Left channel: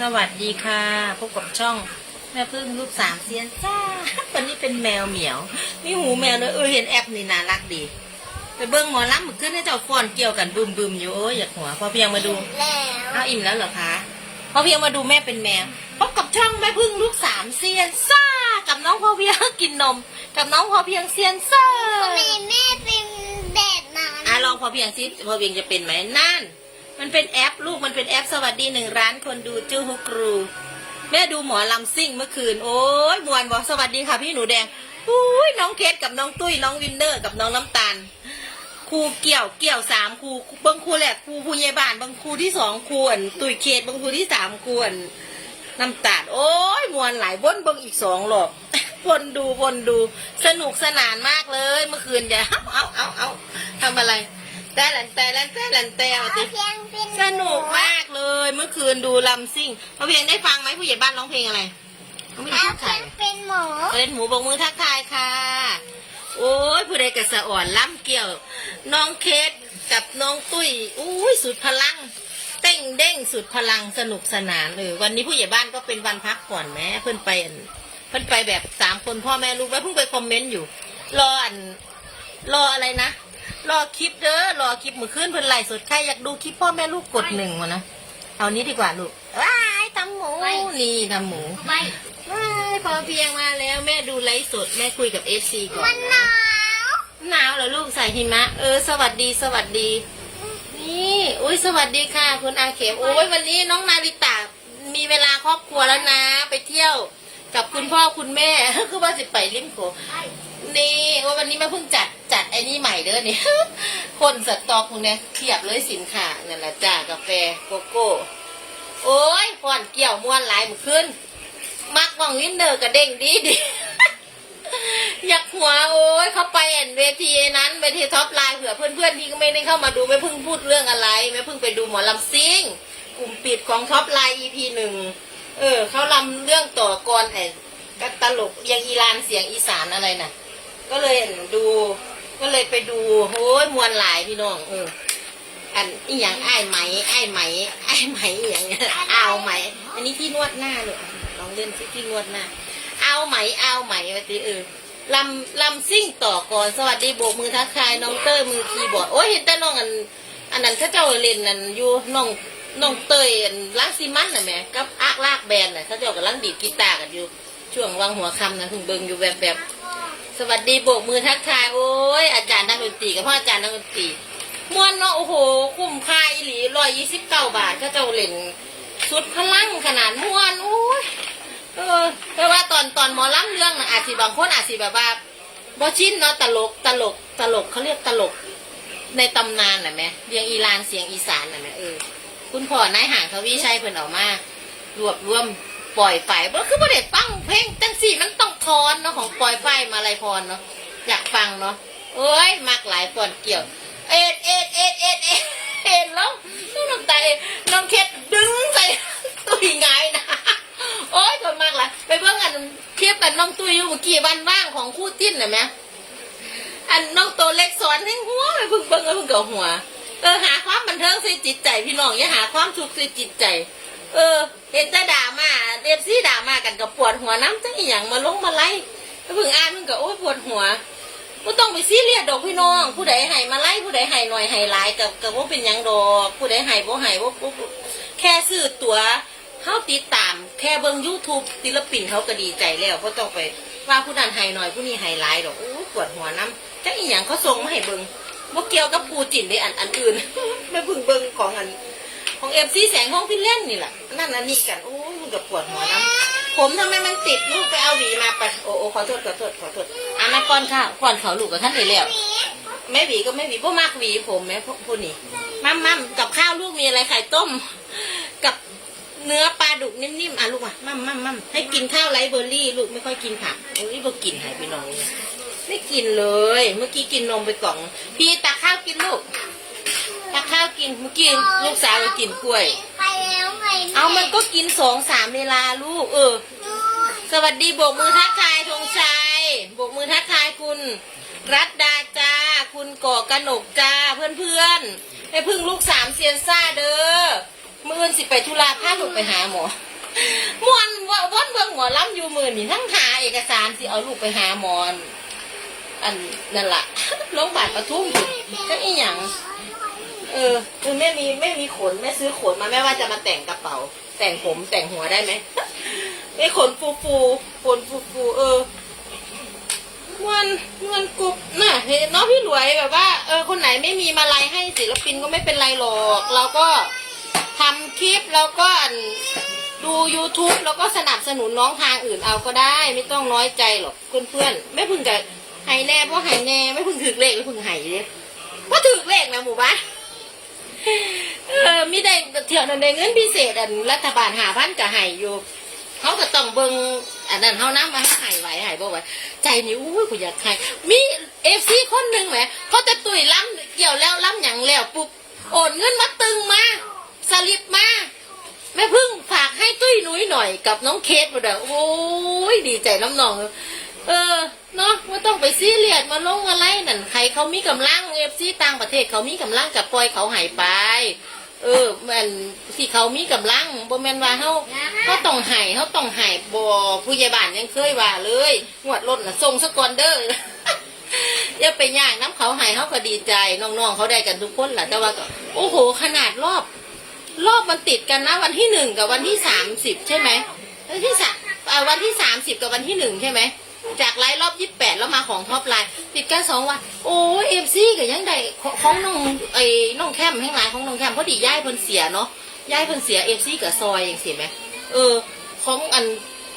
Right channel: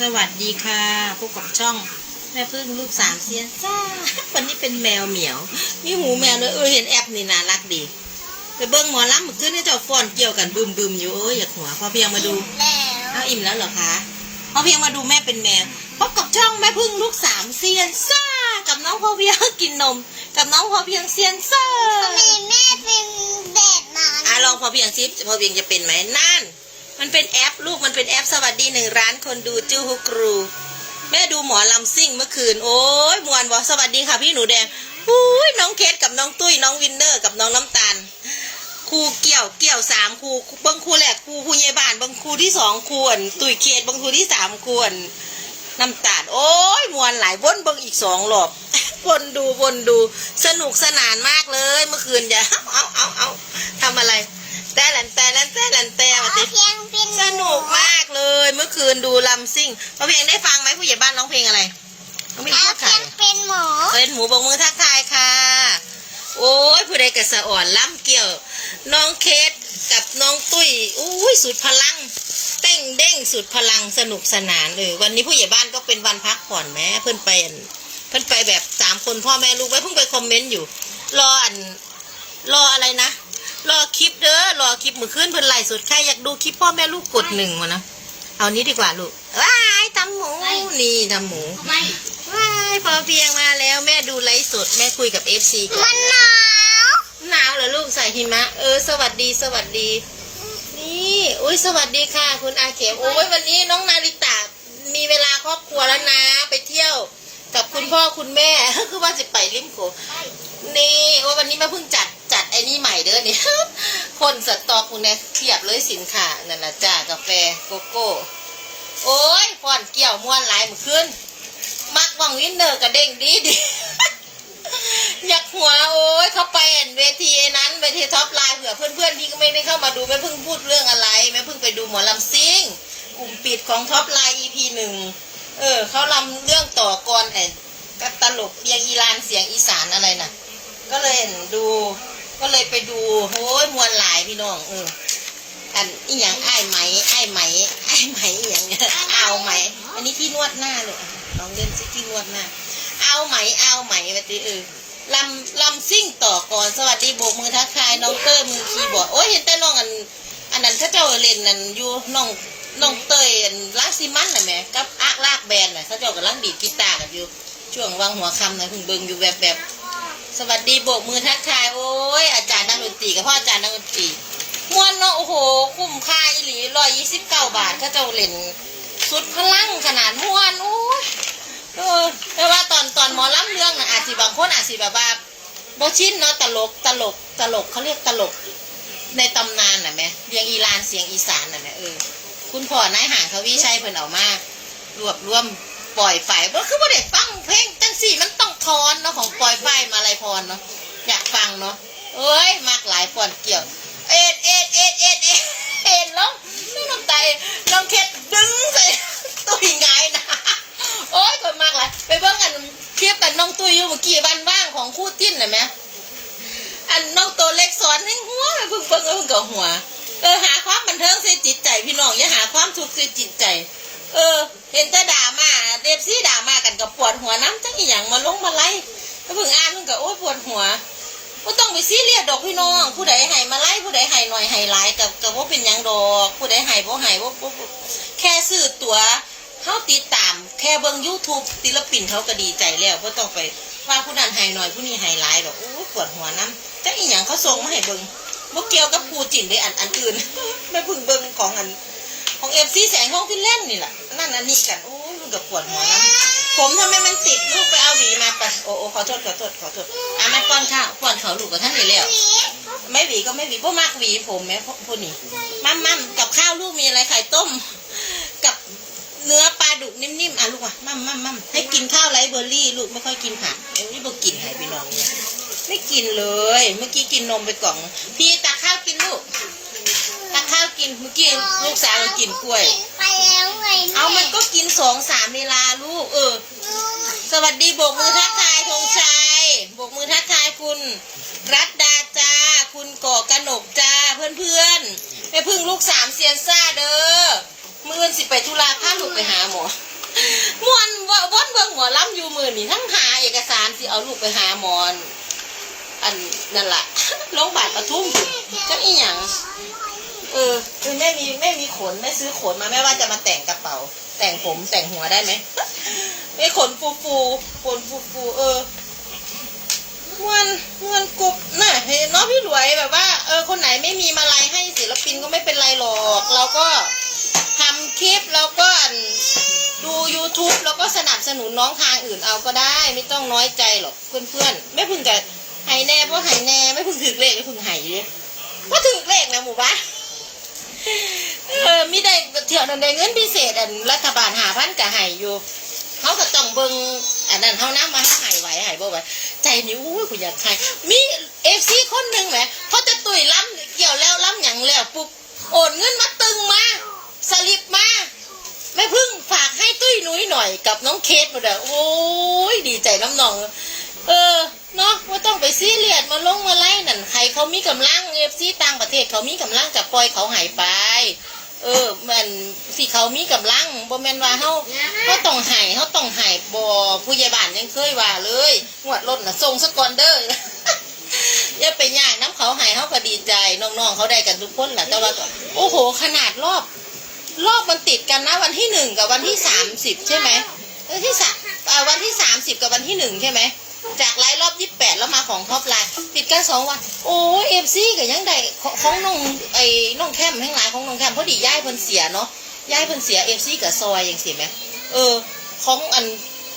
สวัสดีค่ะพบกับช่องแม่พึ่งลูกสามเซียนซ่าวันนี้เป็นแมวเหมียวมีหูแมวเนอะเออเห็นแอปนี่น่ารักดี ไปเบิ้งหมอลำเมื่อคืนให้เจ้าฟอนเกี่ยวกันบึมบึมๆอยู่โอ้ยอยากหัวพอเพียงมาดูแล้วเอาอิ่มแล้วเหรอคะพอเพียงมาดูแม่เป็นแมวพบกับช่องแม่พึ่งลูกสามเซียนซ่ากับน้องพอเพียงกินนม กับน้องพอเพียงเซียนซ่าทำไมแม่เป็นแบบนั้นอะลองพอเพียงซิพอเพียงจะเป็นไหมนั่น มันเป็นแอปลูกมันเป็นแอปสวัสดีหนึ่งร้านคนดูจูฮุกรู แม่ดูหมอลำซิ่งเมื่อคืน โอ้ยมวนบอกสวัสดีค่ะพี่หนูแดงอุ้ยน้องเคสกับน้องตุ้ยน้องวินเนอร์กับน้องน้ำตาลครูเกี่ยวเกี่ยวสามครูบางครูแหละครูผู้ใหญ่บ้านบางครูที่สองครูอันตุ้ยเคสบางครูที่สามครูอันน้ำตาลโอ้ยมวนหลายวนเบางอีกสองรอบวนดูวนดูสนุกสนานมากเลย เมื่อคืนอย่าเอาเอาเอาทำอะไร แต่หลันแต่หลันแต่หลันแต่เอามาติเพียงเป็นสนุกมากเลย เมื่อคืนดูลำซิ่งพอเพลงได้ฟังไหมผู้ใหญ่บ้านร้องเพลงอะไรน้องเพลงเอาทักเพีทายยงเป็นหมูเอ็นหมูบกมือทักทายค่ะ โอ้ยผู้ใดกระสะอ่อนล่ำเกี่ยว น้องเคสกับน้องตุ้ยอุ้ยสุดพลังเต้งเด้งสุดพลังสนุกสนานเออวันนี้ผู้ใหญ่บ้านก็เป็นวันพักผ่อนแม้เพื่อนไปอันเพื่อนไปแบบสามคนพ่อแม่ลูกไว้เพิ่งไปคอมเมนต์อยู่ รออันรออะไรนะ รอคลิปเด้อรอคลิปมือขึ้นเพิ่นไล่สดใครอยากดูคลิปพ่อแม่ลูกกดหนึ่งวะนะเอานี้ดีกว่าลูกว้ายทำหมูนี่ทำหมูว้ายพอเพียงมาแล้วแม่ดูไลฟ์สดแม่คุยกับเอฟซีก่อนมันหนะนาวหนาวเหรอลูกใส่หิมะ เออ สวัสดีสวัสดี นี่อุ้ยสวัสดีค่ะ คุณอาเข็มโอ้ยวันนี้น้องนาริตามีเวลาครอบครัวแล้วนะ ไปเที่ยวกับคุณพ่อคุณแม่คือว่าจะไปริมโขง นี่โอ้ยวันนี้แม่เพิ่งจัดจัดไอ้นี่ใหม่เด้อเนี่ยคนสต็อกคุณเนี่ยเทียบเลยสินค้านั่นแหละจ้ากาแฟโกโก้ โอ้ยพอนเกี่ยวม้วนหลายมือขึ้น มักวังวินเนอร์กระเด้งดีดีอยากหัวโอ้ยเขาไปเห็นเวทีนั้นเวทีท็อปไลน์เผื่อเพื่อนๆที่ก็ไม่ได้เข้ามาดูไม่เพิ่งพูดเรื่องอะไรไม่เพิ่งไปดูหมอลำซิ่งกลุ่มปิดของท็อปไลน์ EP หนึ่งเออเขาลำเรื่องต่อกรไอ้ตลกยังอีรานเสียงอีสานอะไรน่ะ ก็เลยเห็นดู ก็เลยไปดูโอ้ยมวนหลายพี่น้องเอออันอีหยังไอ้ไหมไอ้ไหมไอ้ไหมอหย่างเงี้ยเอาไหม อันนี้ที่นวดหน้าเลยอะลองเล่นซิที่นวดหน้า เอาไหมเอาไหมมาตีเออลำลำซิ่งต่อก่อนสวัสดีโบกมือทักทายน้องเตอร์มือคีย์บอร์ดโอ้ยเห็นแต่น้องอัน อันนั้นเขาเจ้าเล่นนั่นอยู่น้องน้องเตยอันล้างซีมันน่ะแหม่กับอากลากแบนน่ะเขาเจ้ากำลังดีดกีตาร์กันอยู่ช่วงวางหัวคำนะเพิ่งเบิงอยู่แบบแบบ สวัสดีโบกมือทักทายโอ้ยอาจารย์นักดนตรีกับพ่ออาจารย์นักดนตรีม่วนเนาะโอ้โห คุ้มค่าอีหลีร้อยยี่สิบเก้าบาทก็เจ้าเล่นสุดพลังขนาดม่วนโอ้ยเออแต่ว่าตอนตอนหมอลำเรื่องนะอาจสิบางคนอาจสิแบบว่าบอชินเนาะตลกตลกตลกเขาเรียกตลกในตำนานน่ะแม่เรียงอีรานเสียงอีสานน่ะแม่เออ คุณพ่อนายห่างเขาวิชัยเพิ่นเออกมารวบรวม ปล่อยไฟบ่คือบ่ได้ฟังเพลงจังสี่มันต้องทอนเนาะของปล่อยไฟมาลายพรเนาะอยากฟังเนาะโอ้ยมากหลายฟอนเกี่ยว เอ็ดเอ็ดเอ็ดเอ็ดเอ็ดเอ็ดแล้วน้องน้ำตาน้องเคสดึงใส่ตุ้ยไงนะโอ้ยคนมากเลยไปเบิ่งอันคลิปอันน้องตุ้ยอยู่เมื่อกี้วันว่างของคู่จิ้นน่ะแม่อันน้องตัวเล็กสอนให้หัวไปเพิ่งเบิ่งเพิ่งกับหัวเออหาความบันเทิงใส่จิตใจพี่น้องอย่าหาความทุกข์ใส่จิตใจ เออ เห็นแต่ด่ามาเดฟซี่ด่ามากันกับปวดหัวน้ำจังอีหยังมาลงมาไล่แล้วเพิ่งอ่านมันก็โอ้ยปวดหัวก็ต้องไปซีเรียสดอกพี่น้อง ผู้ใดให้มาไล่ผู้ใดให้หน่อยให้หลายกับกับว่าเป็นหยังดอก ผู้ใดให้บ่ให้บ่บ่แค่ซื้อตั๋วเขาติดตาม แค่เบิ่ง YouTube ศิลปินเขาก็ดีใจแล้วบ่ต้องไปว่าผู้นั้นให้หน่อยผู้นี้ให้หลายดอกโอ้ปวดหัวน้ำจังอีหยังเขาส่งมาให้เบิ่งบ่เกี่ยวกับปูจินในอันอันอื่นไม่พิ่งเบิ่งของอัน ของเอฟซีแสงห้องพินเล่นนี่แหละนั่นอันนี้กันโอ้ยมันก็ปวดหัวน้ำผมทำไมมันติดลูกไปเอาหวีมาไปโอ้โอ้ขอโทษขอโทษขอโทษอะมาป้อนข้าวป้อนเขาวลูกกับท่านเลยแล้วไม่หวีก็ไม่หวีพวกมากหวีผมไหมพวกพวกนี้มั่มมั่มกับข้าวลูกมีอะไรไข่ต้ม กับเนื้อปลาดุกนิ่มๆอะลูกอะมั่มมั่มมั่มให้กินข้าวไรเบอร์รี่ ลูกไม่ค่อยกินผักโอ้ยบอกกินหายไปนองเนี่ยไม่กินเลย เมื่อกี้กินนมไปกล่อง พี่ตักข้าวกินลูก ตักข้าวกินเมื่อกี้ลูกสาวเรากินกล้วย ไปแล้วไงเอามันก็กินสองสามเวลาลูกเออ สวัสดีโบกมือทักทายธงชัยโบกมือทักทายคุณ รัตดาจ้า คุณก่อกนกจ้าเพื่อนเพื่อนๆแม่พึ่งลูกสามเซียนซ่าเด้อมื่ออื่นสิไปธุระพาลูกไปหาหมอมวนว่าวนเบิ่งหมอลำอยู่มือนี่ทั้งหาเอกสารสิเอาลูกไปหาหมอนอันนั่นล่ะ โรงพยาบาลปทุมจังอีหยัง เออ คือแม่มีแม่มีขนแม่ซื้อขนมาแม่ว่าจะมาแต่งกระเป๋า แต่งผมแต่งหัวได้ไหมไมีขนฟูฟูขนฟูฟูเออมวนมวนกรุบน่ะเห็นเนาะพี่หลวยแบบว่าเออคนไหนไม่มีมาลัยให้ศิลปินก็ไม่เป็นไรหรอก เราก็ทำคลิปแล้วก็ดู YouTube แล้วก็สนับสนุนน้องทางอื่นเอาก็ได้ ไม่ต้องน้อยใจหรอกเพื่อนๆ ไม่พึงกับไห้แน่เพราะไห้แน่ไม่พึงถือเลขไม่พึงไห้เลยว่าถือเลขนะหมู่บ้าน เออมีได้เที่ยวนั้นได้เงินพิเศษอันรัฐบาลหาพันกับไห้อยู่เขาก็ต้องเบิ่งอันนั้นเขาน้ำมันหายไหวหายบ่ไหวใจนี่อุ้ยกูอยากใครมีเอฟซีคนหนึ่งแหมเขาจะตุยล้ำเกี่ยวแล้วล้ำหยังแล้วปุ๊บโอนเงินมาตึงมาสลิปมาแม่พึ่งฝากให้ตุ้ยนุ้ยหน่อยกับน้องเคสมาเด้อโอ้ยดีใจน้ำนอง เออเนาะว่าต้องไปซีเรียสมาลงมาไล่นั่นใครเขามีกำลังเอฟซีต่างประเทศเขามีกำลังกับปล่อยเขาหายไป เออมันที่เขามีกำลังบ่แม่นว่าเฮาเขาต้องให้เขาต้องให้บ่ผู้ใหญ่บ้านยังเคยว่าเลยงวดรถน่ะส่งสกอนเด้ออย่าไปย่างน้ำเขาให้เขาก็ดีใจน้องๆเขาได้กันทุกคนแหละแต่ว่าก็โอ้โห ขนาดรอบ รอบมันติดกันนะวันที่หนึ่งกับวันที่สามสิบใช่ไหมเออที่สามเอาวันที่สามสิบกับวันที่หนึ่งใช่ไหม จากไลฟ์รอบยี่สิบแปดแล้วมาของท็อปไลน์ติดกันสองวัน โอ้เอฟซีกับยังได้ของน้องไอ้น้องแคมทั้งหลายของน้องแคมพอดีย่ายเพิ่นเสียเนาะย่ายเพิ่นเสียเอฟซีกับซอยอย่างสิไหมเออ ของอัน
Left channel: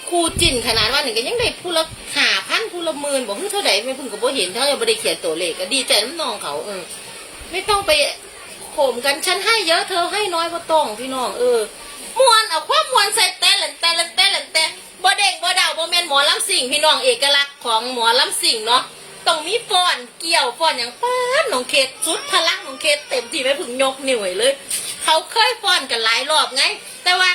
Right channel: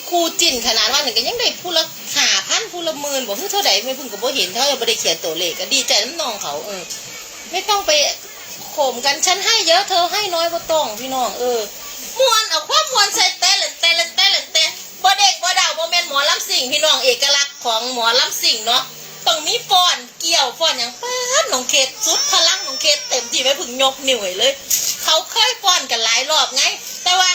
คู่จิ้นขนาดว่าหนึ่งก็ยังได้ผู้ละหาพันผู้ละหมื่นบอกเพิ่งเท่าไหร่ไม่เพิ่งก็บ่เห็นเท่ายังไม่ได้เขียนตัวเลขก็ดีใจน้ำนองเขาเออ ไม่ต้องไปข่มกันฉันให้เยอะเธอให้น้อยก็ต้องพี่น้องเออมวนเอาความมวนใส่แต่ละแต่ละแต่ละแต่ บ่เด็กบ่ดาวบ่แม่นหมอลำสิ่งพี่น้องเอกลักษณ์ของหมอลำสิ่งเนาะต้องมีฟ้อนเกี่ยวฟ้อนอย่างเปิ้นน้องเคสสุดพลังน้องเคสเต็มที่ไม่พึงยกนิ้วเลย เขาเคยฟ้อนกันหลายรอบไง แต่ว่า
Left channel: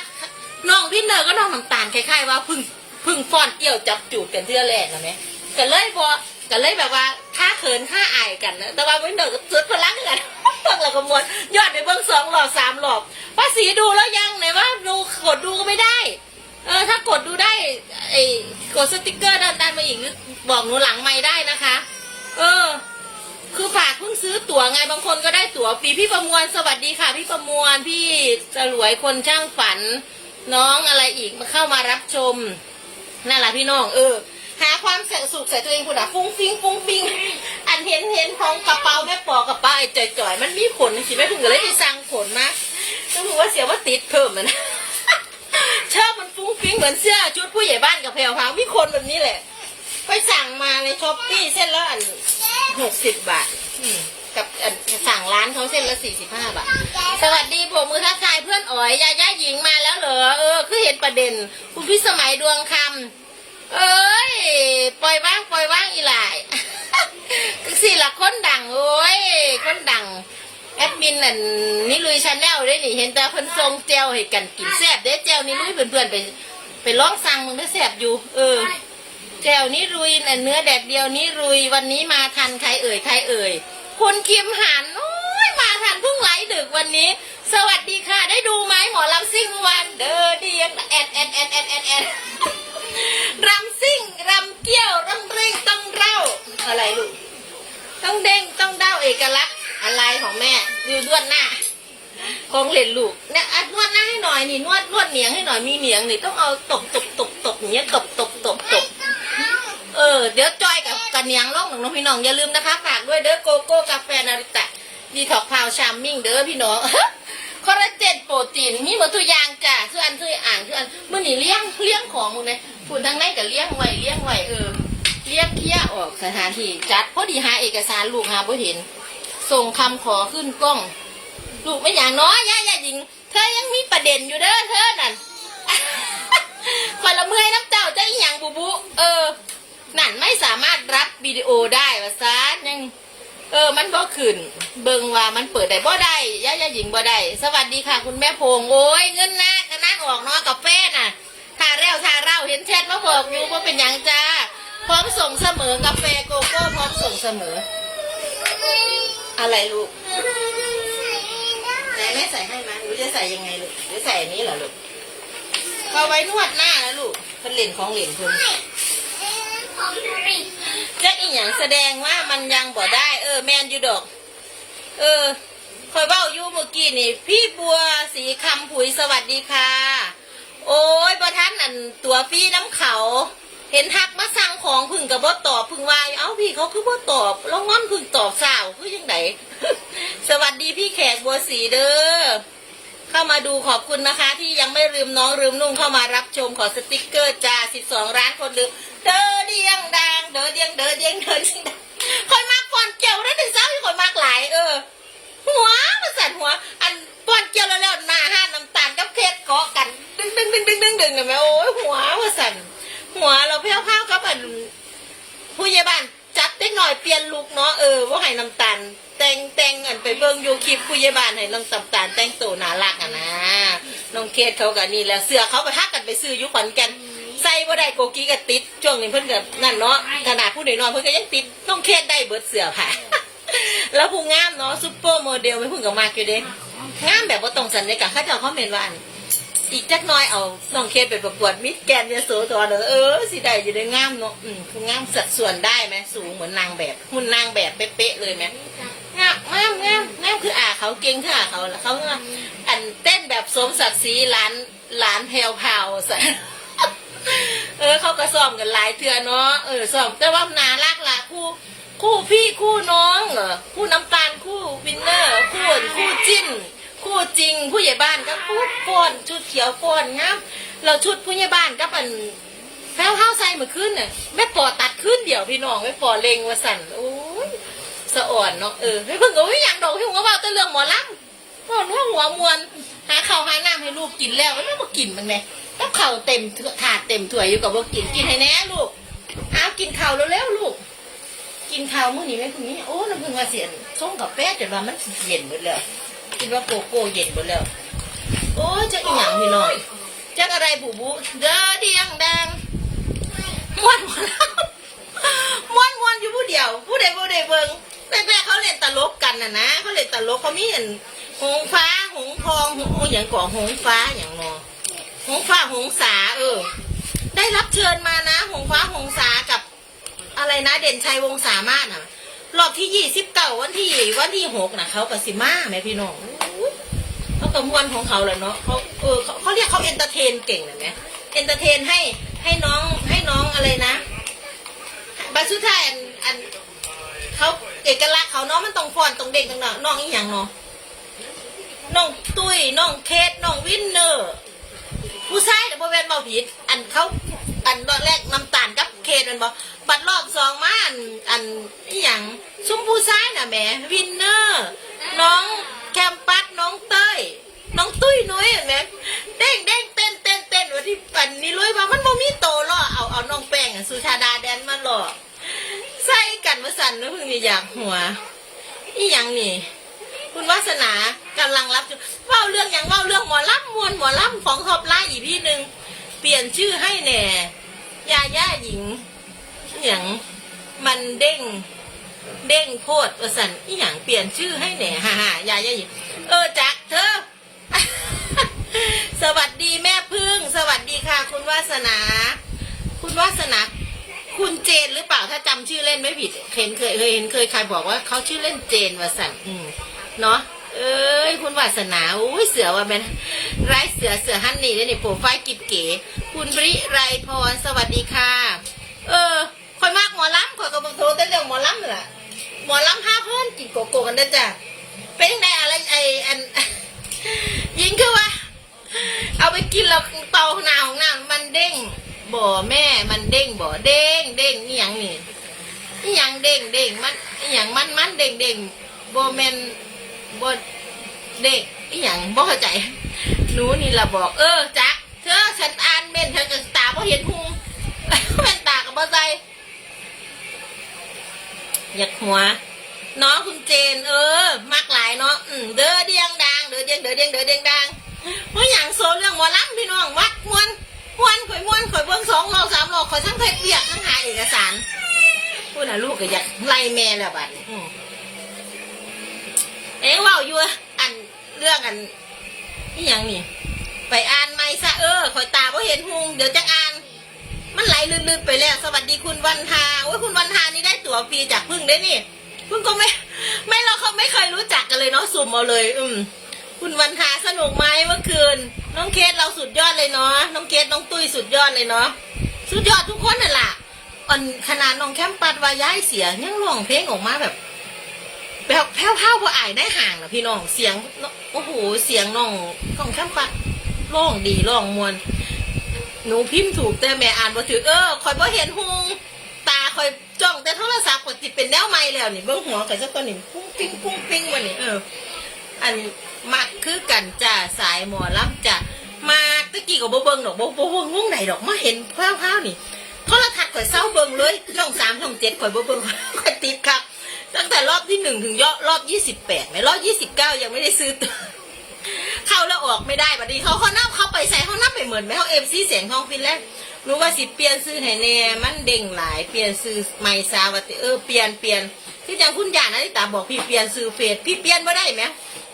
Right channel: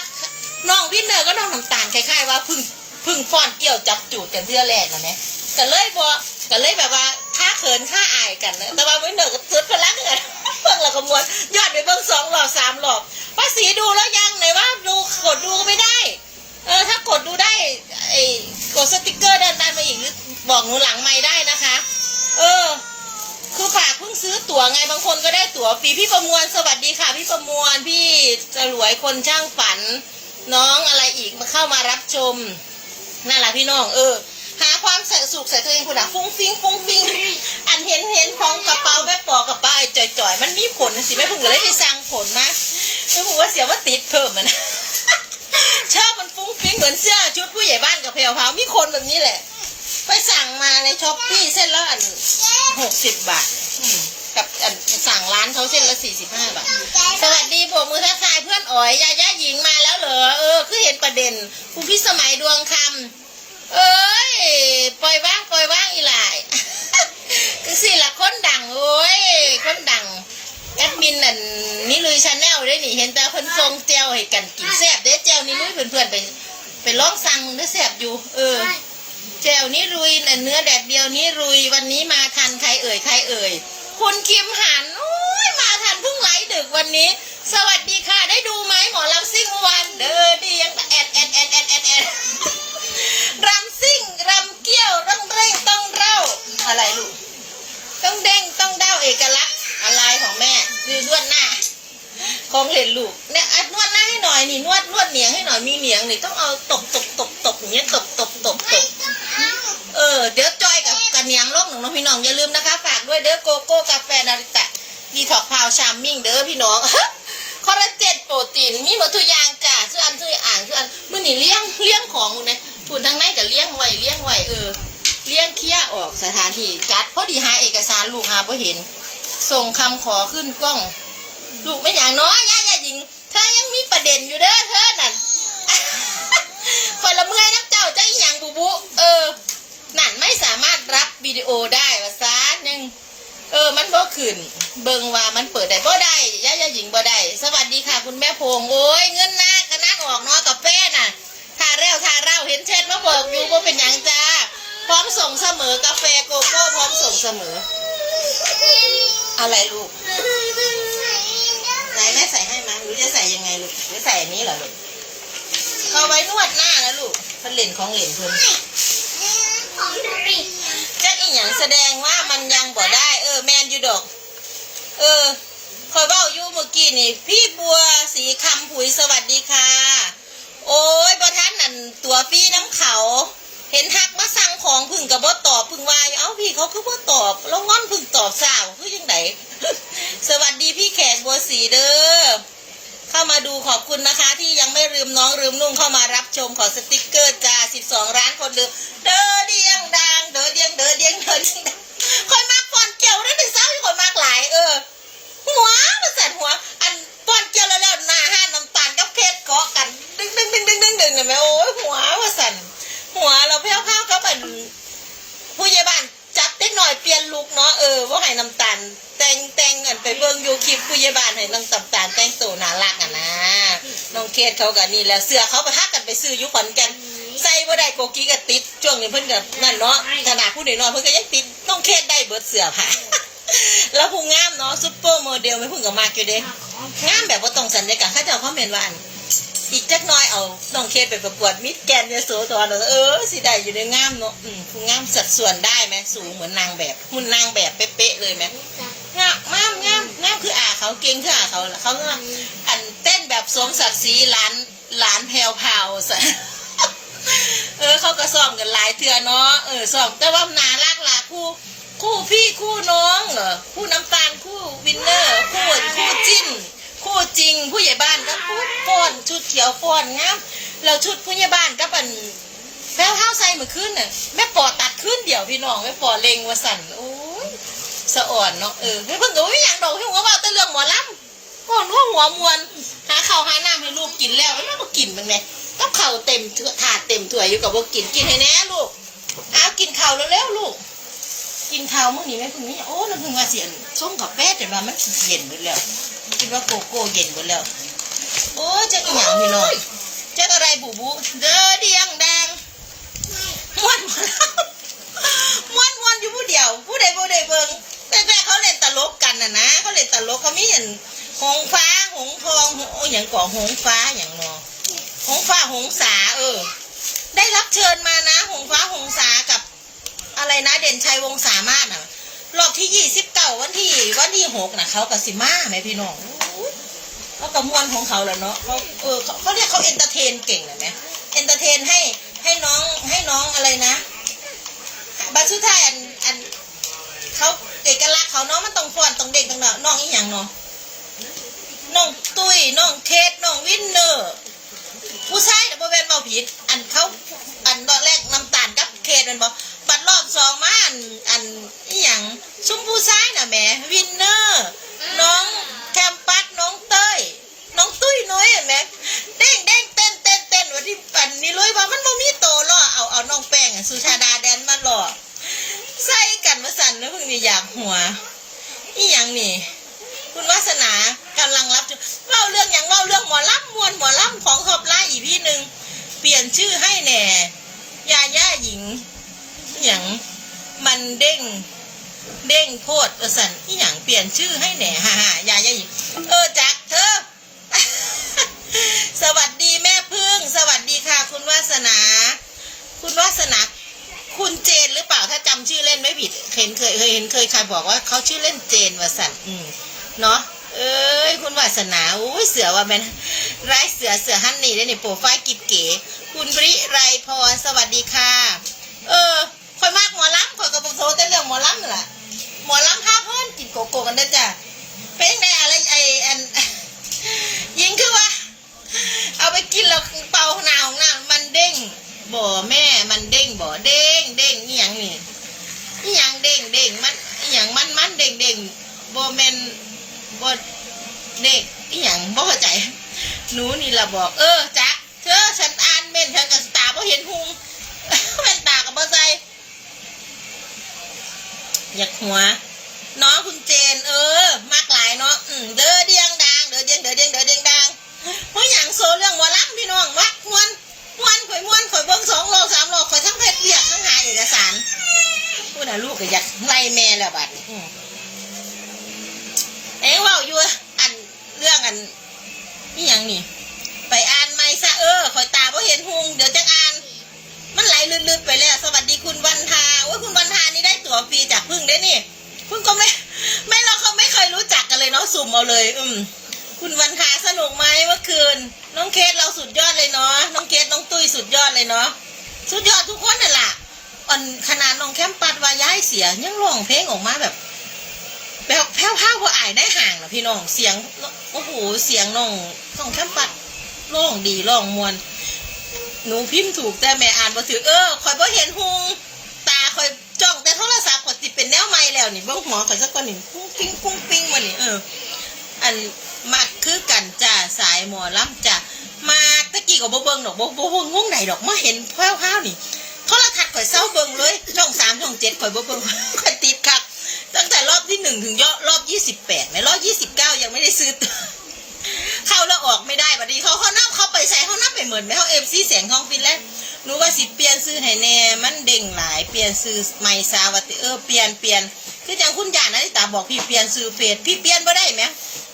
น้องวินเนอร์ก็น้องน้ำตาลคล้ายๆว่าพึ่งพึ่งฟ้อนเกี่ยวจับจูดกันเทื่อแรกนะแม่ก็เลยพอก็เลยแบบว่าค่าเขินค่าอายกันนะแต่ว่าวินเนอร์ก็สุดพลังกันเบิ่งแล้วก็มวนยอดไปเบิ่งสองรอบสามรอบภาษีดูแล้วยังไหนว่าดูกดดูก็ไม่ได้ เออถ้ากดดูได้ไอ้กดสติกเกอร์เดินได้มาอีกหรือบอกหนูหลังไม่ได้นะคะ เออ คือฝากเพิ่งซื้อตั๋วไงบางคนก็ได้ตั๋วฟรีพี่ประมวลสวัสดีค่ะ พี่ประมวลพี่จะรวยคนช่างฝัน น้องอะไรอีกมาเข้ามารับชมนั่นแหละพี่น้อง เออ หาความใส่สุขใส่ตัวเองคุณอะฟุ้งฟิ้งฟุ้งฟิ้งอันเห็นเห็นของกระเป๋าแม่ปอกระเป๋าไอ้จ่อยๆมันมีขนสิแม่พึ่งก็เลยได้สั่งขนมาแม่พึ่งว่าเสียว่าติดเพิ่มมันนะ ชอบมันฟุ้งฟิ้งเหมือนเสื้อชุดผู้ใหญ่บ้านกับเพลพาวมีคนแบบนี้แหละ ไปสั่งมาในช้อปปี้เส้นละอันหกสิบบาทอืมกับอันสั่งร้านเขาเส้นละสี่สิบห้าบาท สวัสดีผมมือทักทายเพื่อนอ๋อยยาย่าหญิงมาแล้วเหรอเออคือเห็นประเด็น คุณพี่สมัยดวงคำเอ้ยปล่อยว่างปล่อยว่างอีหลาย คือสิละคนดังโอ้ยคนดัง แอดมินนั่นนี่ลุยชาแนลได้นี่เห็นแต่เพิ่นทรงเจลให้กันกินแซ่บเด้อเจลนี่ลุยเพื่อนๆไป ไปลองสั่งมึงได้อแซ่บอยู่ เออเจลนี่รุยน่ะเนื้อแดดเดียวนี่รุยวันนี้มาทันใครเอ่ยใครเอ่ยคุณคิมหันโอ้ยมาทันเพิ่งไลฟ์ เห็นลูกเนี่ยอัดนวดหน้าให้หน่อยนี่นวดนวดเหนียงให้หน่อยมีเหนียงนี่ต้องเอาตบตบตบตบอย่างเงี้ยตบตบตบตบเออเดี๋ยวจอยกับกันเนียงลอกหนึ่งน้องพี่น้องอย่าลืมนะคะ ฝากด้วยเด้อโกโก้กาแฟนาริตะดีท็อกพาวชามมิ่งเด้อพี่น้องคอลลาเจนโปรตีนมีหมดทุกอย่างจ้ะชื่ออันชื่ออ่างชื่ออันเมื่อนี่เลี้ยงเลี้ยงของมึงนี่ยพูดทางไหนกับเลี้ยงไว้เลี้ยงไว้เออเลี้ยงเคลียออกสถานที่จัดพอดีหาเอกสารลูกหาพอเห็น ส่งคำขอขึ้นกล้อง ลูกไม่อย่างน้อยยาย ริงเธอยังมีประเด็นอยู่เด้อเธอนั่นคอยละเมื่อยน้ำเจ้าเจ้าอหย่างบูบูเออ นั่นไม่สามารถรับวิดีโอได้ว่าซาหนึ่งเออ มันบ่ขึ้น เบิงว่ามันเปิดได้บ่ได้ย่าย่าหญิงบ่ได้ สวัสดีค่ะ คุณแม่พงโอ้ยเงินหน้าก็นั่ออกเนาะกาแฟน่ะทาเร็วทาเร่าเห็นแชทมาบอกอยู่ว่าเป็นยังจ้า พร้อมส่งเสมอกาแฟโกโก้พร้อมส่งเสมอ อะไรลูก จะใส่ยังไงลูกจะใส่อันนี้เหรอลูกเขาไว้นวดหน้านะลูกเพิ่นเล่นของเล่นเพิ่นของดูดิจักอีหยังแสดงว่ามันยังบ่ได้ เออแมนอยู่ดอก เออคอยเบ้าอยู่เมื่อกี้นี่ พี่บัวสีคำผุยสวัสดีค่ะ โอ้ยประท่านอันตัวพี่น้ำเขา เห็นทักมาสั่งของพึ่งกับบ่ตอบพึ่งว่าเอ้าพี่เขาคือบ่ตอบแล้วงอนพึ่งตอบสาวคือยังไงสวัสดีพี่แขกบัวสีเด้อ เข้ามาดูขอบคุณนะคะ ที่ยังไม่ลืมน้องลืมนุ่งเข้ามารับชมขอสติกเกอร์จ้า12ร้านคนลืมเด้อเดียงดังเด้อเดียงเด้อเดียงเด้อเดียงดังคอยมากก่อนเกี่ยวได้ถึงเศร้าคอยมากหลายเออหัวมันสั่นหัว อันก่อนเกี่ยวแล้วแล้วหน้าห้านน้ำตาลกับเพชรเกาะกัน ดึงดึงดึงดึงดึงดึงเห็นไหมโอ้ยหัวมันสั่นหัวเราเพี้ยวเ้าก็เป็นผู้ใหญ่บ้าน จัดเล็กหน่อยเปลี่ยนลุกเนาะเออว่าให้น้ำตาลแต่งแต่งอันไปเบิ่งยูคลิปผู้ใหญ่บ้านให้น้องน้ำตาลแต่งตัวน่ารักอะนะน้องเคสเขากับนี่แล้วเสื้อเขาประทักกันไปซื้ออยุขอนแก่นใส่บ่ได้โกกีก็ติดช่วงนี้เพิ่นก็นั่นเนาะขนาดผู้ใดนอนเพิ่นก็ยังติดน้องเคสได้เบิดเสื้อผ้าแล้วผู้งามเนาะซุปเปอร์โมเดลไม่เพิ่งกับมากอยู่เด้งามแบบว่าตรงสัญญากาข้าเจ้าเขาเมนว่าอัน อีกจักน้อยเอาน้องเคสไปประกวดมิสแกนด์ยโสธรเนเออสิได้อยู่ในงามเนาะอืมผู้งามสัดส่วนได้ไหมสูงเหมือนนางแบบหุ่นนางแบบเป๊ะๆเลยไหมงามงามงามงามคืออาเขาเก่งคืออาเขาเขาก็อันเต้นแบบสมศักดิ์ศรีหลานหลานแพรวพราวใส่เออเขาก็ซ้อมกันหลายเทื่อเนาะเออซ้อมแต่ว่านารักละคู่คู่พี่คู่น้องเหรอคู่น้ำตาลคู่วินเนอร์คู่คู่จิ้น คู่จริงผู้ใหญ่บ้านก็พูดฟ้อนชุดเขียวฟ้อนงามเราชุดผู้ใหญ่บ้านก็เป็นแพ้วเท้าใส่เหมือนขึ้นน่ะแม่ปอตัดขึ้นเดี๋ยวพี่น้องแม่ปอเลงว่าสั่นโอ้ยสะอ่อนเนาะเออไม่เพิ่งโอ้ยอย่างดอกที่ผมก็บอกแต่เรื่องหมอลำพ่อนัวหัวมวนหาข้าวหาน้ำให้ลูกกินแล้วแล้วมากินมันไงกับข้าวเต็มถาดเต็มถ้วยอยู่กับว่ากินกินให้แน่ลูกเอากินข้าวเร็วๆลูกกินข้าวมื้อนี้แม่พึ่งนี่โอ้น้ำพึ่งว่าเสียนส้มกับแป๊ดแต่ว่ามันเย็นหมดแล้ว คิดว่าโกโก้เย็นหมดแล้ว โอ้จักอหย่างพี่น้องจักอะไรบูบูเด้อเดียงแดงม้วนหมดแล้วม้วนม้วนอยู่ผู้เดียว ผู้ใดผู้ใดเบิ่งแต่แม่เขาเล่นตลกกันน่ะนะเขาเล่นตลกเขามีอันหงฟ้าหงทองโอ้ยอย่างก่อหงฟ้าอย่างนอหงฟ้าหงสาเออ ได้รับเชิญมานะ หงฟ้าหงสากับอะไรนะ เด่นชัยวงสามารถน่ะ รอบที่ยี่สิบเก้าวันที่วันที่หกน่ะเขากับสิมาแม่พี่น้องเขากระมวลของเขาแหละเนาะเขาเออเขาเรียกเขาเอนเตอร์เทนเก่งเลยไหมเอนเตอร์เทนให้ให้น้องให้น้องอะไรนะบางชุดไทายอันอันเขาเอกลักษณ์เขาเนาะมันต้องฟอนต้องเด็กต้องเนาะน้องอีหยังเนาะน้องตุ้ยน้องเคสน้องวินเนอร์ ผู้ชายเดี๋ยวโบแมนเมาผิด อันเขาอันรอบแรกน้ำตา ลกับเคสมันบอกบัดรอบสองมาอันอันอหย่างซุ้มผู้ชายน่ะแหมวินเนอร์ น้องแคมปัสน้องเต้ย น้องตุ้ยน้อยเห็นไหมเด้งเด้งเต้นเต้นเต้นวันที่ปั่นนี่เลยว่ามันบ่มีโตล่อเอาเอาน้องแป้งอะสุชาดาแดนมาล่อใส่กันมาสั่นแล้วเพิ่งนี่อยากหัวอีหยังนี่ คุณวาสนากำลังรับชมเล่าเรื่องอย่างเล่าเรื่องหมอลำมวนหมอลำของทอบไล่อีกพี่หนึ่งเปลี่ยนชื่อให้แหน่ยาย่าหญิง หย่างมันเด้ง เด้งโคตรประสันอีหยังเปลี่ยนชื่อให้แหน่ฮ่าฮ่ายาย่าหญิงเออจักเธอ สวัสดีแม่พึ่ง สวัสดีค่ะ คุณวาสนา คุณวาสนาคุณเจนหรือเปล่าถ้าจำชื่อเล่นไม่ผิดเห็นเคยเคยเห็นเคยใครบอกว่าเขาชื่อเล่นเจนวาสันอืมเนาะเอ้ยคุณวาสนาอุ้ยเสือว่าแม่นไรเสือเสือฮันนี่ได้ในโปรไฟล์กิบเก๋คุณบริไรพรสวัสดีค่ะ เออ คอยมากหมอลำคอยกับโซแต่เรื่องหมอลำนั่แหละหมอลำพาเพื่อนกินโกโก้กันเด้จ้ะเป็นไงอะไรไออันยิงคือว่าเอาไปกินแล้วเป่าหนาของหน้ามันเด้งบ่แม่มันเด้งบ่เด้งเด้งนี่ยังนี่นี่ยังเด้งเด้งมันนี่ยังมันมันเด้งเด้งบ่แมนบ่เด้งนี่ยังบ่เข้าใจ หนูนี่ละบอก เออจักเธอฉัน หัวน้องคุณเจน เออมากหลายเนาะอืมเด้อเดียงดังเด้อเดียงเด้อเดียงเด้อเดียงดังเพราะอย่างโซเรื่องหมอลำพี่น้องมักมวนมวนข่อยมวนข่อยเบิ่งสองโลสามโลข่อยทั้งเพชรเบียกทั้งหาเอกสารพูดนะลูกก็อยากไล่แม่แล้วบัดเอ็งว่าอยู่อันเรื่องอันนี่ยังนี่ ไปอ่านไม่ซะเออข่อยตาบ่เห็นหุงเดี๋ยวจะอ่าน มันไหลลืดๆไปแล้ว สวัสดีคุณวันทาโอ้ยคุณวันทานี่ ตั๋วฟรีจากพึ่งได้นี่พึ่งก็ไม่ไม่เราเขาไม่เคยรู้จักกันเลยเนาะสุ่มเอาเลย อืม คุณวันทาสนุกไหมเมื่อคืน น้องเคสเราสุดยอดเลยเนาะน้องเคสน้องตุ้ยสุดยอดเลยเนาะสุดยอดทุกคนน่ะล่ะอันขนาดน้องแคมปัดวาย้ายเสียยังร้องเพลงออกมาแบบแผ่วแผ่วๆพออายได้ห่างนะพี่น้องเสียงโอ้โหเสียงน้องน้องแคมปัดร้องดีร้องมวนหนูพิมพ์ถูกแต่แม่อ่านบ่ถือเออคอยบ่เห็นหุง จ้องแต่โทรศัพท์ก็สิเป็นแนวใหม่แล้วนี่เบิ่งหัวข่อยสักก่อนนี่ปุ้งปิ้งปุ้งปิ้งมานี่เออ อันมักคือกันจ้าสายหมอลำจ้ะมาตะกี้ก็บ่เบิ่งดอกบ่บ่เบิ่งวงไหนดอกมาเห็นแพร่วๆนี่โทรทัศน์ข่อยเศร้าเบิ่งเลยช่องสามช่องเจ็ดข่อยโบเบิ่งข่อยติดคักตั้งแต่รอบที่หนึ่งถึงยอดรอบยี่สิบแปดไหมรอบยี่สิบเก้ายังไม่ได้ซื้อเข้าแล้วออกไม่ได้บัดนี้เขาเขานั่งเขาไปใส่เขานั่งไปเหมือนไหมเขาเอฟซีเสียงทองฟินแล้ว รู้ว่าสิเปลี่ยนซื้อให้แน่มันเด้งหลายเปลี่ยนซื้อไม่ซาวติเออเปลี่ยนเปลี่ยนคืออย่างคุณยานาฬิตาบอกพี่เปลี่ยนซื้อเฟซพี่เปลี่ยนบ่ได้ไหม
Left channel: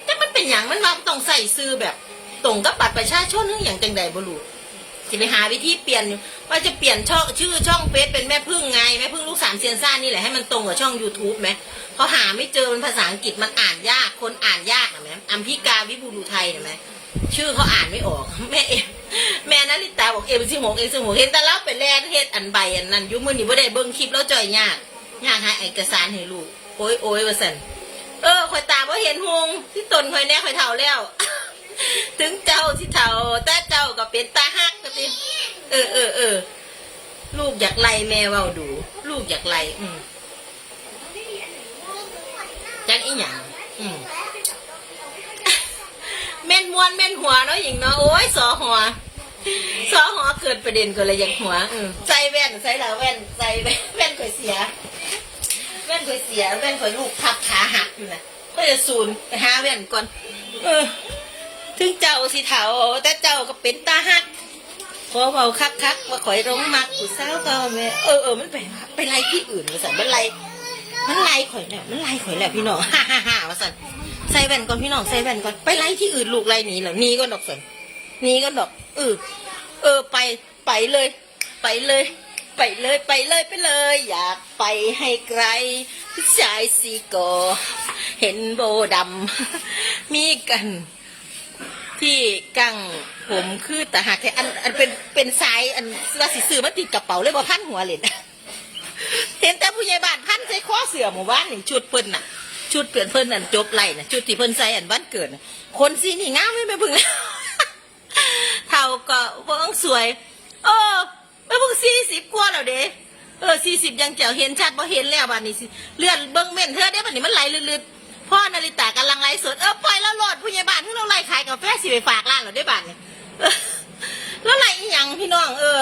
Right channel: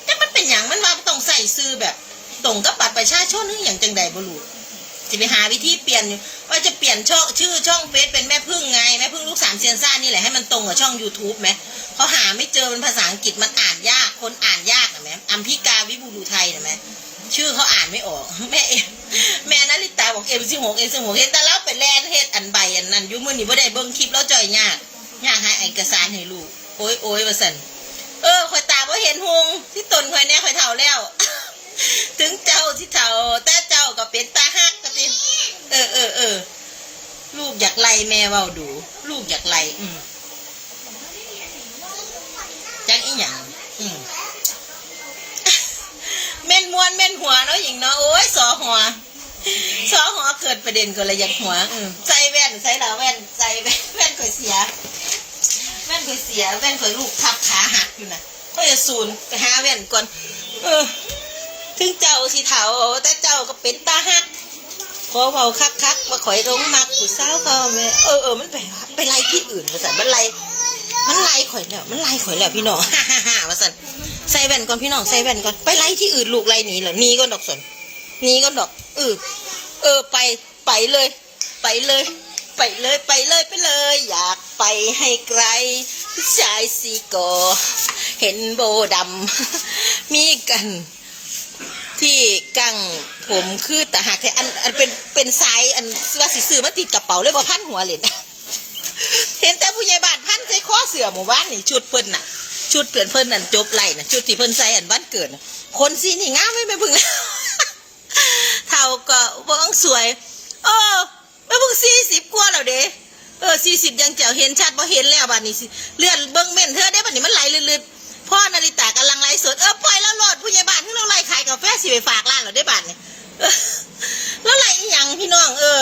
แต่มันเป็นอย่างมันว่าต้องใส่ซื้อแบบตรงกับบัตรประชาชนหรืออย่างจังใดบ่รู้จะไปหาวิธีเปลี่ยนอยู่ ว่าจะเปลี่ยนช่องชื่อช่องเฟซเป็นแม่พึ่งไงแม่พึ่งลูกสามเซียนซ่านี่แหละให้มันตรงกับช่อง YouTube ไหมเขาหาไม่เจอเป็นภาษาอังกฤษมันอ่านยากคนอ่านยากนะแม่อัมพิกาวิบูรุไทยนะแม่ชื่อเขาอ่านไม่ออกแม่เอแม่นาริตาบอกเอ็มสิหกเอ็มสิหกเห็นแต่เราไปแลนเฮ็ดอันใบอันนั้นยุ่มือนี่บ่ได้เบิ่งคลิปแล้วจ่อยยากยากหาเอกสารให้ลูกโอ้ยโอ้ยว่าสันเออข่อยตาบ่เห็นหงที่ตนข่อยแน่ข่อยเฒ่าแล้ว ถึงเจ้าที่เฒ่าแต่เจ้าก็เป็นตาฮักก็ติเออเออลูกอยากไล่แม่เว้าดู ลูกอยากไล่อืมจังอีหยังอืมแม่นมวนแม่นหัวเนาะหญิงเนาะโอ้ยสอหัวสอหัวเกิดประเด็นก็เลยอยากหัวเออใส่แว่นใส่เหลาแว่นใส่แว่นแว่นข่อยเสีย แว่นข่อยเสีย แว่นข่อยลูกทับขาหักอยู่นะก็จะศูนย์ไปหาแว่นก่อน เออ ถึงเจ้าสิเถาแต่เจ้าก็เป็นตาหัก พอเบาคักคักๆว่าข่อยร้องมักผู้สาวเขาแม่เออเออมันไปไปไล่ที่อื่นมาสั่นมันไล่มันไล่ข่อยแล้วมันไล่ข่อยแล้วพี่น้องฮ่าฮ่าฮ่าว่าสั่นใส่แว่นก่อนพี่น้องใส่แว่นก่อนไปไล่ที่อื่นลูกไล่หนีเหรอหนีก็ดอกสนหนีก็ดอกเออเออไปไปเลย ไปเลย ไปเลยไปเลยไปเลย อยากไปให้ไกลผู้ชายสีกอเห็นโบดำมีกัน ที่กังผมคือแต่หากแค่อันอันเป็นเป็นสายอันว่าสิซื้อมาติดกระเป๋าเลยบ่พันหัวเลยนะเห็นแต่ผู้ใหญ่บ้านพันใส่ข้อเสือหมู่บ้านนี่ชุดเพิ่นน่ะ ชุดเปลี่ยนเพิ่นนั่นจบไหลน่ะชุดที่เพิ่นใส่อันวันเกิดคนสีนี่งามไม่ไปพึ่งแล้วเท่าก็บิ่งสวยเออไม่พึ่งสี่สิบกว่าแล้วเด้เออสี่สิบยังแจ๋วเห็นชัดบ่เห็นแล้วบัดนี้สิเลือนเบิ่งเม่นเธอได้บัดนี้มันไหลลืดๆพ่อนาริตากำลังไลฟ์สดเออ กาแฟสิไปฝากร้านเหรอได้บัดนี้เออแล้วไล่อีหยังพี่น้องเออ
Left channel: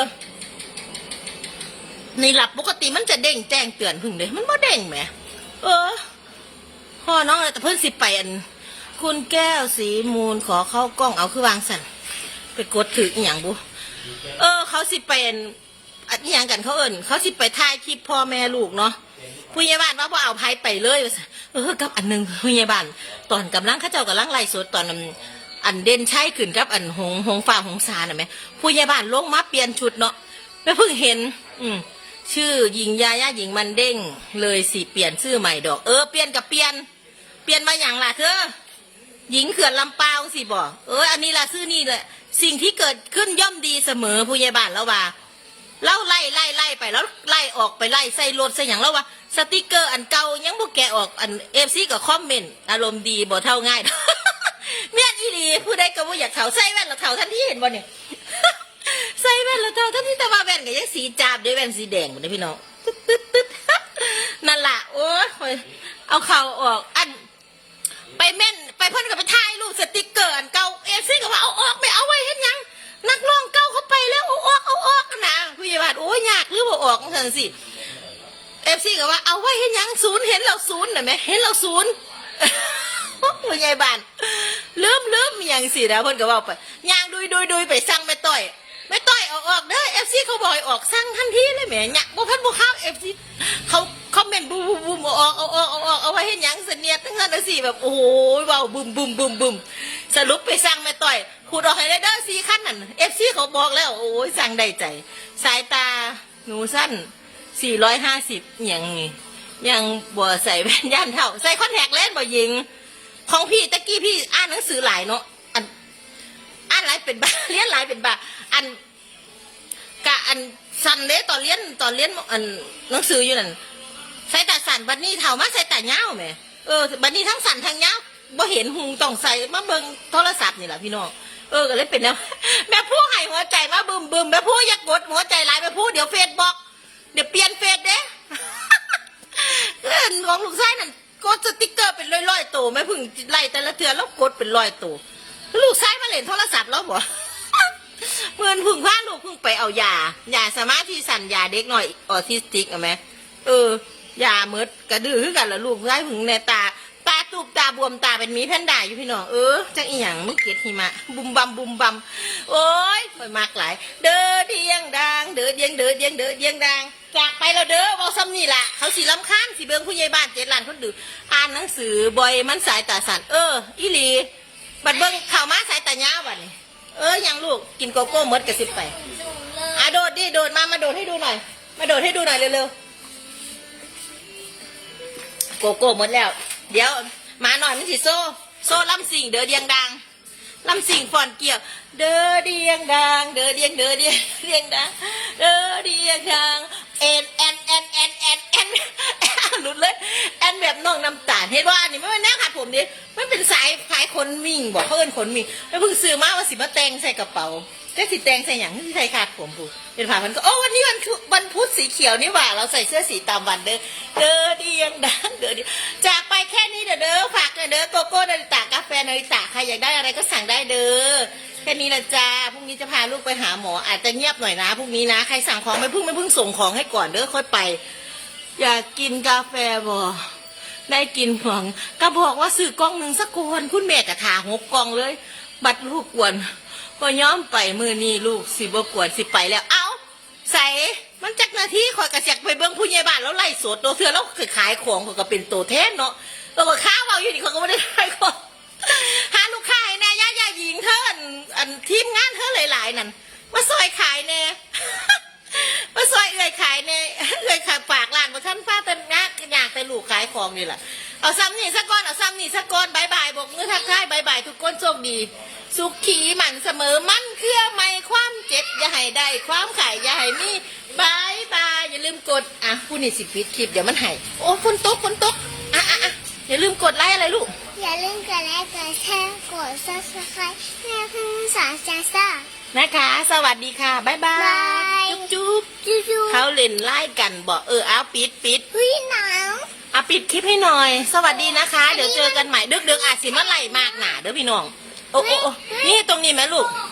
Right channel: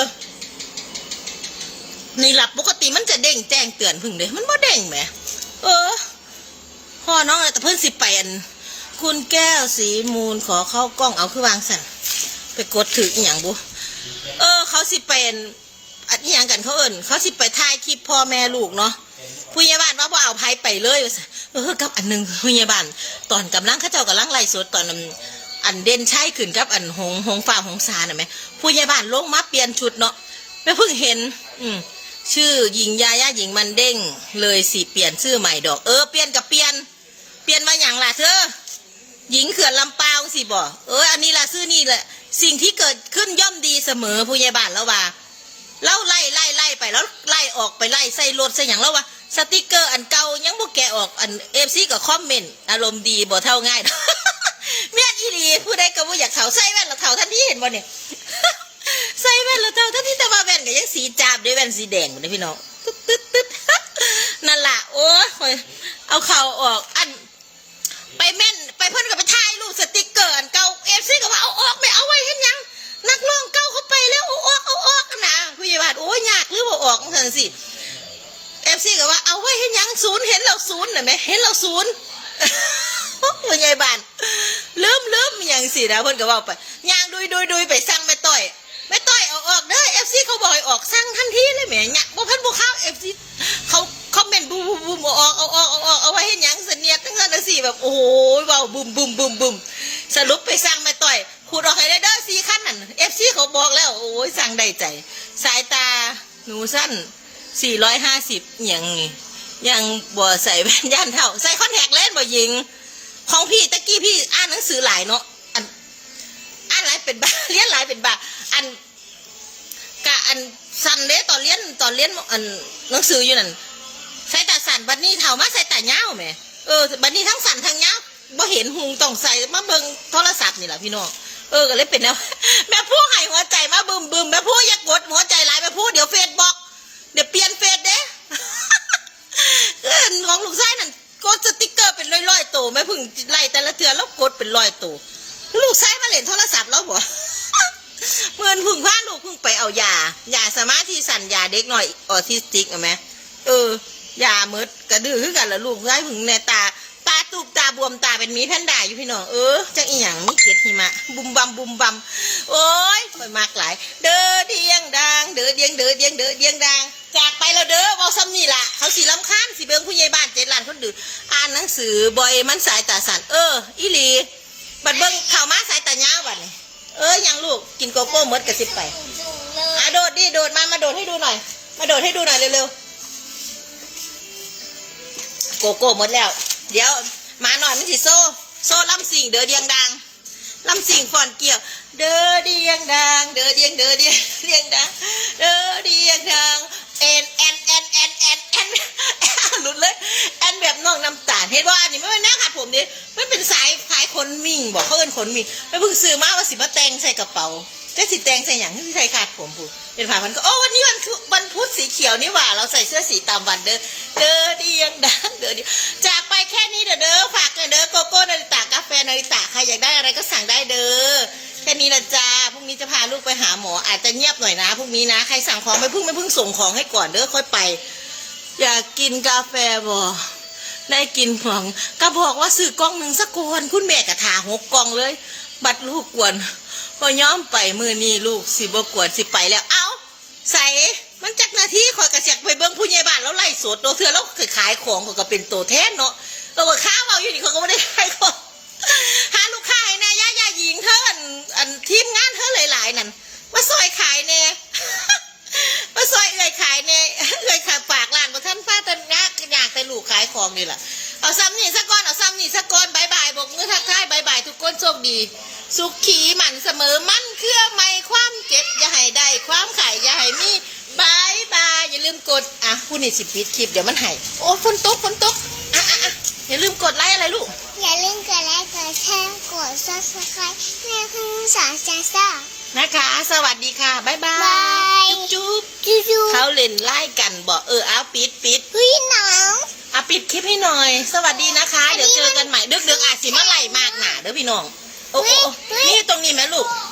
นี่หลับปกติมันจะเด้งแจ้งเตือนพึ่งเลยมันบ่เด้งแหมเออพ่อน้องอะไรแต่เพิ่นสิไปอัน คุณแก้วสีมูลขอเข้ากล้องเอาคือวางสันไปกดถืออหย่างบุเออ เขาสิเป็นอันอหย่างกันเขาเอิญเขาสิไปถ่ายคลิปพ่อแม่ลูกเนาะผู้ใหญ่บ้านว่าบ่เอาไผไปเลยเออกับอันหนึงผู้ใหญ่บ้านตอนกำลังเขาเจ้ากำลังไล่สดตอนนั้น อันเด่นใช่ขึ้นกับอันหงหงฟ้าหงสาน่ะไหมผู้ใหญ่บ้านลงมาเปลี่ยนชุดเนาะไม่เพิ่งเห็น อืมชื่อหญิงยาย่าหญิงมันเด้ง เลยสิเปลี่ยนชื่อใหม่ดอก เออเปลี่ยนกับเปลี่ยน เปลี่ยนมาอย่างล่ะเธอหญิงเขื่อนลำปาวสิบ่เอออันนี้ล่ะชื่อนี่แหละสิ่งที่เกิดขึ้นย่อมดีเสมอผู้ใหญ่บ้านแล้วว่าเล่าไล่ไล่ไล่ไปแล้วไล่ออกไปไล่ใส่รถใส่อย่างแล้วว่าสติกเกอร์อันเก่ายังบ่แกะออกอันเอฟซีก็คอมเมนต์อารมณ์ดีบ่เท่าง่าย อีหลีผู้ใดก็บ่อยากเถาใส่แว่นแล้วเถาทันที่เห็นบ่เนี่ยใส่แว่นแล้วเท่าท่านที่ต่ว่าแว่นก็ยังสีจาบด้วยแว่นสีแดงหมดเลยพี่น้องตึ๊ดตึ๊ดตึ๊ดนั่นล่ะโอ้ยเอาเข่าออกอันไปแม่นไปเพิ่นก็ไปถ่ายรูปสติกเกอร์อันเก่าเอฟซีก็ว่าเอาออกไม่เอาไว้เห็นยังนักร้องเก่าเขาไปแล้วเอาออกเอาออกนะผู้ใหญ่บ้านโอ้ยยากหรือว่าออกจังสิเอฟซีก็ว่าเอาไว้เห็นยังศูนย์เห็นเราศูนย์น่ะไหมเห็นเราศูนย์ผู้ใหญ่บ้าน ลืมลืมอย่างสินะเพิ่นก็ว่าไปย่างดุยดุยดุยไปสั่งแม่ต้อยแม่ต้อยเอาออกเด้อเอฟซีเขาบอกออกสั่งทันทีเลยแหมเนี่ยบ่พันบ่เข้าเอฟซีเขาคอมเมนต์บูมบูมบูมเอาออกเอาออกเอาออกเอาไว้ให้หยังเสนียดทั้งนั้นทั้งสี่แบบโอ้โหเว้าบึมบึมบึมบึมสรุปไปสั่งแม่ต่อยขูดออกให้ได้เด้อสี่ขั้นนั่นเอฟซีเขาบอกแล้วโอ้ยสั่งได้ใจ สายตาหนูสั้นสี่ร้อยห้าสิบอย่างนี้ยังบ่ใส่แว่นย่านเท่า ใส่คอนแทคเลนส์บ่ยิง ของพี่ตะกี้พี่อ่านหนังสือหลายเนาะอันอ่านหลายเป็นบ้าเรียนหลายเป็นบ้าอันกะอันสันเด้ตอนเรียนตอนเรียนอันหนังสืออยู่นั่นใส่ตาสันบัดนี้เท่ามาใส่ตาเงาแหมเออบัดนี้ทั้งสันทั้งเงาบ่เห็นหุงต้องใส่มาเบิ่งโทรศัพท์นี่แหละพี่น้องเออก็เลยเป็นแล้วแม่ผู้ให้หัวใจมาบึมบึมแม่ผู้อยากกดหัวใจหลายแม่ผู้เดี๋ยวเฟซบอกเดี๋ยวเปลี่ยนเฟซเด้เอิ้นของลูกชายนั่น กดสติกเกอร์เป็นร้อยๆตัวแม่พึ่งไล่แต่ละเทือแล้วกดเป็นร้อยตัวลูกชายมาเล่นโทรศัพท์แล้วบ่เมื่อนพึ่งพาลูกพึ่งไปเอายายาสมาธิสั่นยาเด็กหน่อยออทิสติกเอาไหมเออยาเมดกระดื้อคือกันละลูกชายพึ่งในตาตาตุกตาบวมตาเป็นมีแพนด้าอยู่พี่น้องเออจังอีหยังมีเกล็ดหิมะบุมบัมบุมบัมโอ้ยคอยมากหลาย เด้อเดียงดังเด้อเดียงเด้อเดียงเด้อเดียงดัง จากไปแล้วเด้อเบาซ้ำนี่ล่ะ เขาสีลำคาญสีเบิงผู้ใหญ่บ้านเจ็ดล้านคนดื้ออ่านหนังสือบ่อยมันสายตาสั่นเออ อีหลี บัดเบิงข่าวมาสายตายาวบัดนี่เออยังลูกกินโกโก้หมดกระสิบไปอะโดดดิโดดมามาโดดให้ดูหน่อย มาโดดให้ดูหน่อยเร็วๆโกโก้หมดแล้ว เดี๋ยวมาหน่อยมันสิโซ่ โซ่ลำสิงเด้อเดียงดัง ลำสิงฟอนเกี่ยว เดอเดียงดัง เดอเดียงเดอเดียงเดียงดังเดอเดียงดังเอ็นเอ็นเอ็นเอ็นเอ็นเอ็นหลุดเลยแอนแบบน้องน้ำตาลเห็นว่าอันนี้ไม่เป็นหน้าขาดผมดิมันเป็นสายขายขนมิ่งบอกเขาเอินขนมิ่งไม่เพิ่งซื้อมาว่าสิมาแต่งใส่กระเป๋าจะสิแต่งใส่หยังที่ใส่ขาดผมพูดเป็นผ่ามันก็โอ้วันนี้วันพุวันพุธสีเขียวนี่หว่า เราใส่เสื้อสีตามวันเด้อเด้อเดียงดังเด้อเดียจากไปแค่นี้เด้อเด้อฝากเลยเด้อโกโก้นาริตะกาแฟนาริตะใครอยากได้อะไรก็สั่งได้เด้อแค่นี้ละจ้าพรุ่งนี้จะพาลูกไปหาหมออาจจะเงียบหน่อยนะพรุ่งนี้นะใครสั่งของไม่พิ่งไม่พิ่งส่งของให้ก่อนเด้อค่อยไป อยากกินกาแฟบ่ได้กินของก็บอกว่าซื้อกล่องหนึ่งสักกวนคุณแม่กะถาหกกล่องเลย บัดลูกกวนพอย้อมไปมือนี้ลูกสิบกวนสิไปแล้ว เอาใส่ มันจักหนาทีคอยกระเสียกไปเบิ้งผู้ใหญ่บ้านแล้วไล่สดตัวเถื่อแล้วขายของเขาก็เป็นตัวแทนเนาะตัวก็ข้าวเอาอยู่นี่ขาก็ไม่ได้ขายของหาลูกค้าให้แน่ย่าย่าหญิงเธออันอันทีมงานเธอหลายๆนั่นมาซอยขายแน่มาซอยเอื่อยขายแน่เอื่อยขายปากร้านบ่ท่านฟ้าแต่งักอยากแต่ลูกขายของนี่แหละเอาซ้ำนี่สักก้อนเอาซ้ำนี่สักก้อนบายบายบอกมือทักทายบายบายทุกคนโชคดีสุขขีหมันเสมอมั่นเครื่อไม่ความเจ็บอย่าให้ได้ความขายอย่าให้มี บายบายอย่าลืมกดอะผู้นี่สิปิดคลิปเดี๋ยวมันใหายโอ้ฝนตกฝนตกอะอะอะอย่าลืมกดไลค์อะไรลูก อย่าลืมกดไลค์กดแชร์กด subscribe เพื่อขึ้นสารจ้าซ่า นะคะ สวัสดีค่ะบายบาบาย ยจุ๊บจุ๊บคิวคิวเขาเล่นไล่กันบอกเออเอาปิดปิดพี่หนังอะปิดคลิปให้หน่อย สวัสดีนะคะ เดี๋ยวเจอกันใหม่ดึกๆอาจสิมาไล่มากหนาเด้อพี่น้องโอ้โอ้โอ้นี่ตรงนี้ไหมลูกเ